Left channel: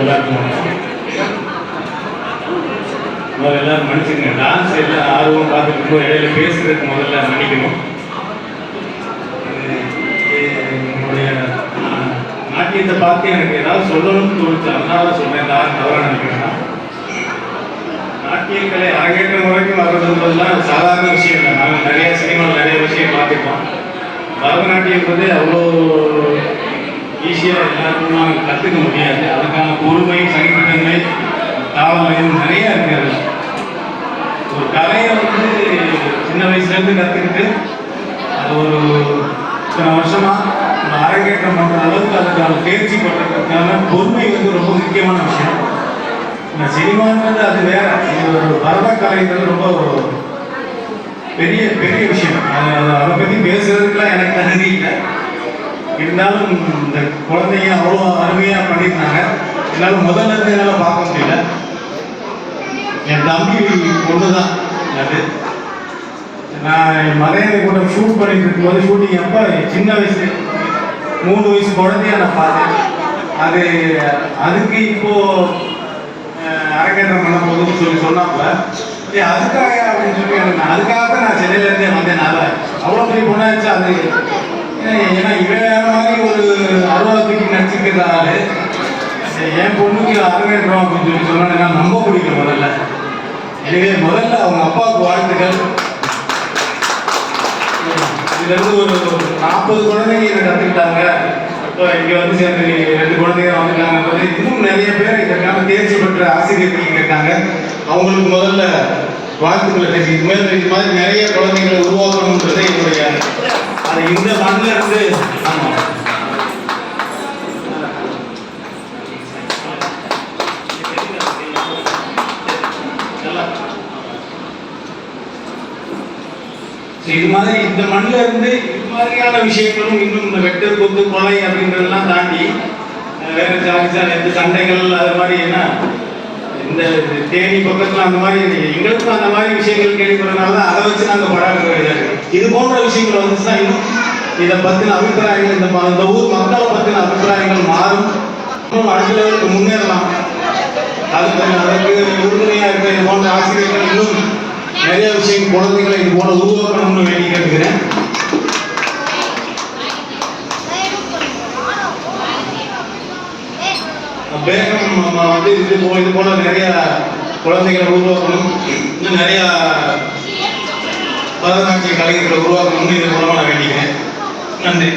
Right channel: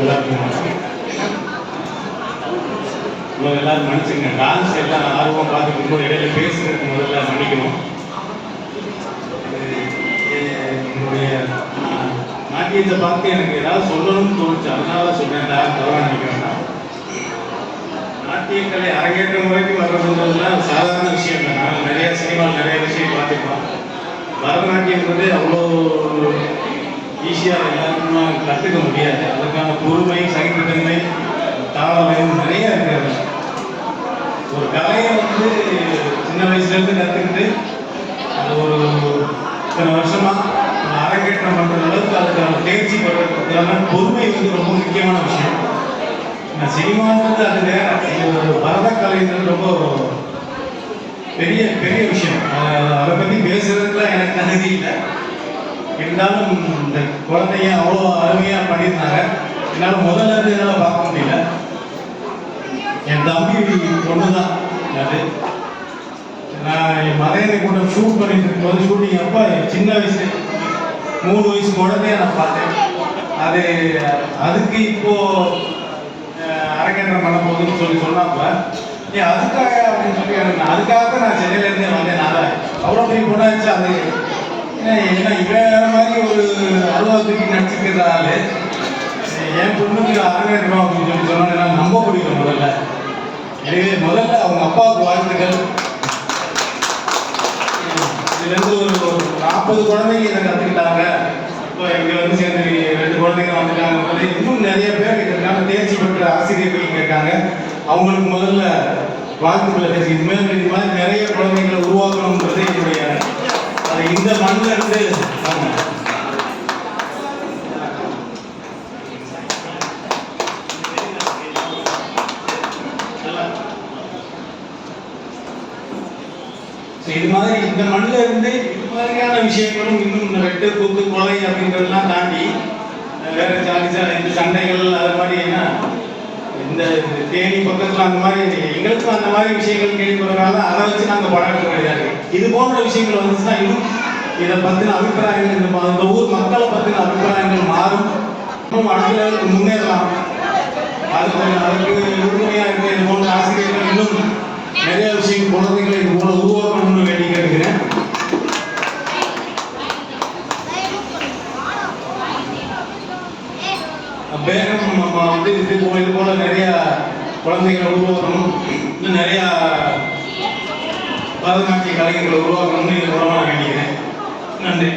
எல்லாருக்கும் எல்லாரும் மன்னிச்சுங்க. டான்ஸ் எல்லாம் ஆர்வம் பார்த்துட்டு இருக்கோம். இடையில பேசுறதுக்கு முதல்ல மன்னிக்கணும். என்னுடைய நாட்டியத்தை பார்த்து எனக்கு ஏதாவது சொல்லணும்னு தோணுச்சு, அதனால சொல்றேன். யாரும் தவறாக நினைக்கிறேன். நாட்டிய கலை அரங்கேற்றம் வரைக்கும் வர்றதுன்றதுலாம் சாதாரண விஷயம் இல்லை. நாங்கள் நிறைய சினிமாவில் நிறைய விஷயம் பார்த்துருக்கோம். பரதநாட்டியன்றது அவ்வளோ ஈஸியாக எல்லாருக்கும் கற்றுக்க முடியாது. அதுக்கான பொறுமை, சகிப்புத்தன்மை, தாளம் நிறைய இருக்கிறது. ஒரு கலையை வந்து சின்ன வயசுலேருந்து கற்றுக்கிட்டு அது ஒரு இத்தனை வருஷமாக அரங்கேற்றம் பண்ணுற அளவுக்கு அதுக்கான தேர்ச்சி பண்ணுறதுக்கான பொறுமை வந்து ரொம்ப முக்கியமான விஷயம். சினிமான்றது அது வேற. ஒரு பரத கலைங்கிறது ரொம்ப பெரிய பெரிய விஷயம். அதை பற்றி பேசுறதுக்குலாம் எனக்கு தகுதி இல்லை. இருந்தாலும் இந்த குழந்தைங்க அவ்வளோ அருமையாக பண்ணியிருந்தாங்க. என்னால் முதல்ல இருந்து என்னால் பார்க்க முடியல. என் தம்பி பொண்ணு தான் அது. நான் மலையாள கூட ஷூட் பண்ணிட்டு இருக்கும்போது ஷூட்டிங் அப்போ சின்ன வயசு 3 வயசு குழந்தைய நான் பார்த்தேன். அதுக்கு இப்போது அரங்கேற்றம் பண்ண போதுன்னு சொன்னாப்ப அதுக்காக அப்படின்னு சொல்லி அதுக்காக நான் சென்னையிலேருந்தே வந்தேனால அவ்வளோ பெரிய பொண்ணாச்சு. அது ஏன்னா இவன் மாதிரி ஒரு 60 நடிச்சுட்டு இருக்கிறாரு. என் பொண்ணுக்கு அரங்கேற்றம் அப்படின்னு சொல்லி சொன்னாங்க. நான் ரொம்ப பிடிக்கும் முதல்ல. எனவே முதல்ல அவங்க அப்பாவுக்கு வாழ்த்துக்கள். இதுலேருந்து ஒரு 40 குழந்தைங்க என்னை கற்றுக்கிட்டாங்க. இப்போ இங்கே வந்து சேர்ந்து 2 குழந்தைங்க வந்துட்டாங்க. இன்னும் நிறைய பேர் இதற்கான தேர்ச்சி பெற்ற ஆசிரியர்கள் இங்கே இருக்காங்க. அவங்களுக்கு முதல்ல வாழ்த்துக்களை தெரிஞ்சு இது மாதிரி நிறைய குழந்தைகளை உருவாக்கணுன்றது என்னுடைய அது இந்த மண்ணில் இருந்து. ஆமாம், இது மாதிரி இந்த மண்ணில் இருந்து இது மாதிரியான விஷயங்களும் இன்னும் இந்த வெட்டு குத்து கொலை அப்படின்றதெல்லாம் தாண்டி வேற ஜாலிசாக இந்த சண்டைகள் அது மாதிரி என்ன இந்த தேனி பக்கத்தில் அந்த மாதிரி எங்களுக்கும் அந்த மாதிரி விஷயங்கள் கேள்விப்படுறதுனால அதை வச்சு நாங்கள் படம் எடுக்க வேண்டியதாக. இது போன்ற விஷயங்கள் வந்துச்சுன்னா இன்னும் இதை பற்றின அபிப்பிராயங்கள் இந்த ஊர் மக்களை பற்றின அபிப்பிராயங்கள் மாறும். இன்னும் அடுத்த லெவலுக்கு முன்னேறலாம். அதுக்கு உறுதுணையாக இருக்கிற இது போன்ற ஆசிரியர்கள் இன்னும் நிறைய விஷயம் குழந்தைகளை இது போல உருவாக்கணும்னு வேண்டி கேட்கிறேன். வேகம் வந்து இது போல நிறைய குழந்தைகளை உருவாக்கணும். இன்னும் நிறைய பரதநாட்டிய கலைஞர்களை உருவாக்கணும்னு இது மூலமாக நான் வேண்டிக்கிறேன். நன்றி.